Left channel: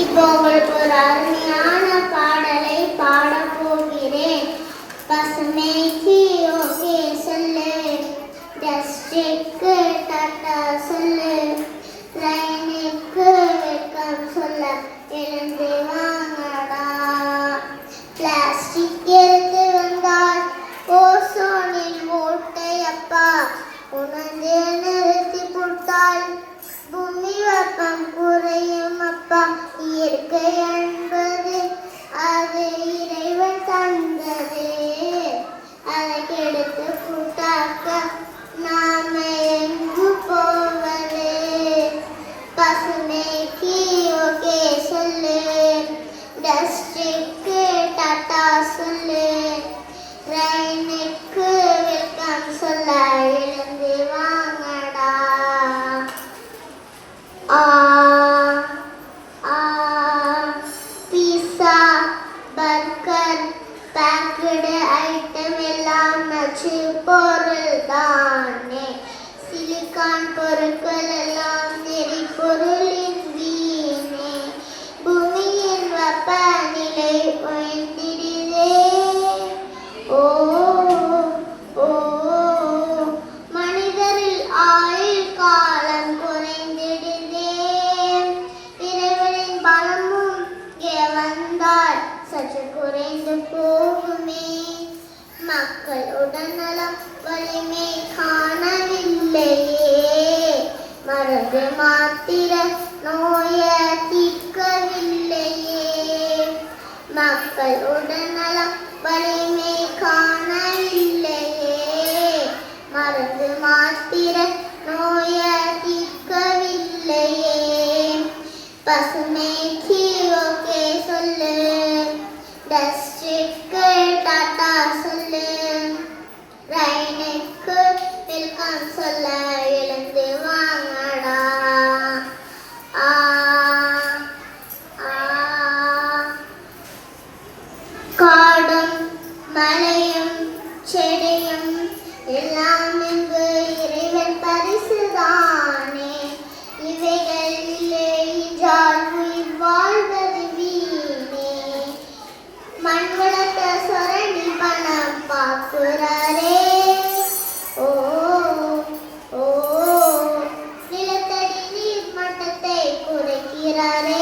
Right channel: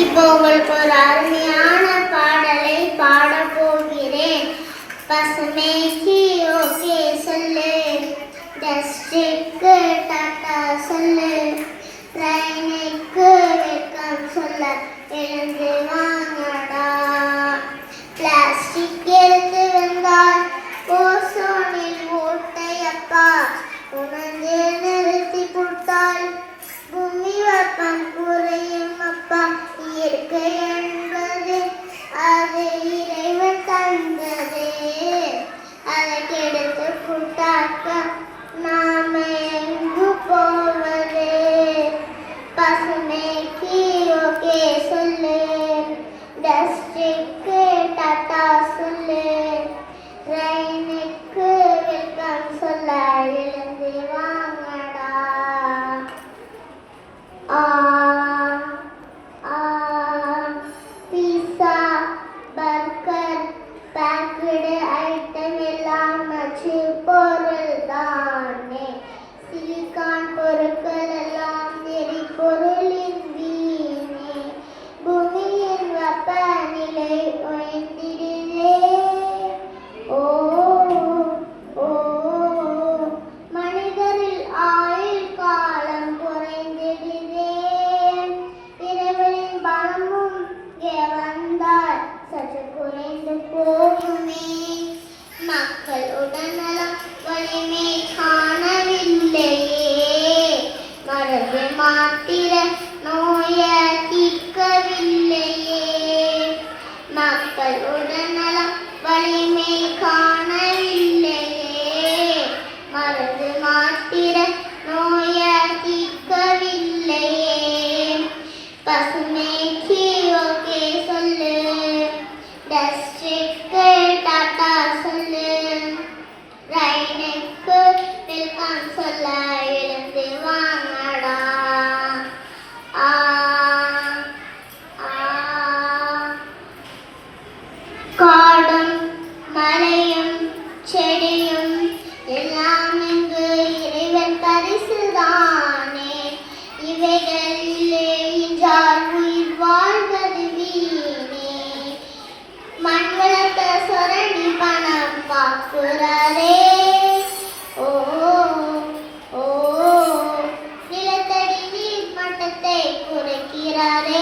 இப்போ உங்களுக்கு ஒரு அருமையான பாடலை பாடப் போகிறேன். பசுமைக்கு ஓகே சொல்லு, டஸ்டிக்கு டாட்டா சொல்லு, ட்ரெயினுக்கு வெல்கம் சொல்ல எழுந்து வாங்கடா. பிளாஸ்டிக் எடுத்து வந்தால் ஓசோனில் ஓட்டையப்பா, உணர்ந்து நிறுத்தி கொடுத்தால் பூமி வெப்பம் குறையும் அப்பா. இயற்கை என்பது அது இறைவன் தந்தது, அதை கெடுத்து புட்டாக்க நாம எங்கு போவது? பசுமைக்கு ஓகே சொல்லு, டஸ்டிக்கு டாட்டா சொல்லு, ரெயினுக்கு வெல்கம் சொல்ல எழுந்து வாங்கடா. பீஸா பர்கர் பேக்கடு ஐட்டம் எல்லாம் நச்சு பொருள் தானே. சிலிக்கான் பொருட்கள் எல்லாம் எரிபொருளின் வீணே. பூமியின் வெப்பநிலை உயர்ந்திடுதே. ஓ ஓ மனிதரில் ஆயுள் காலம் குறைந்திடுதே. இறைவனின் பலமும் இங்கே வந்தால் சற்று குறைந்து போகுமே. மக்கள் உடல்நலம் வலிமை காணவில்லையே, மருந்து மாத்திர நோய தீர்க்கவில்லையே. மக்கள் உடல்நலம் வலிமை காணவில்லையே, மருந்து மாத்திர நோய தீர்க்கவில்லையே. பசுமைக்கு ஓகே சொல்லு, டஸ்டிக்கு டாட்டா சொல்லு, ரெயினுக்கு வெல்கம் சொல்ல எழுந்து வாங்கடா. ஆ ஆ காடும் மலையும் செடியும் எல்லாம் இங்கு இறைவன் பரிசுதானே. இவைகள் இல்லை என்றால் உயிர் வாழ்வது வீணே. மண் வளத்தை சொரணி பணம் பார்க்கிறாரே. ஓ ஓ நிலத்தடி நீர் மட்டத்தை குறைக்கிறாரே.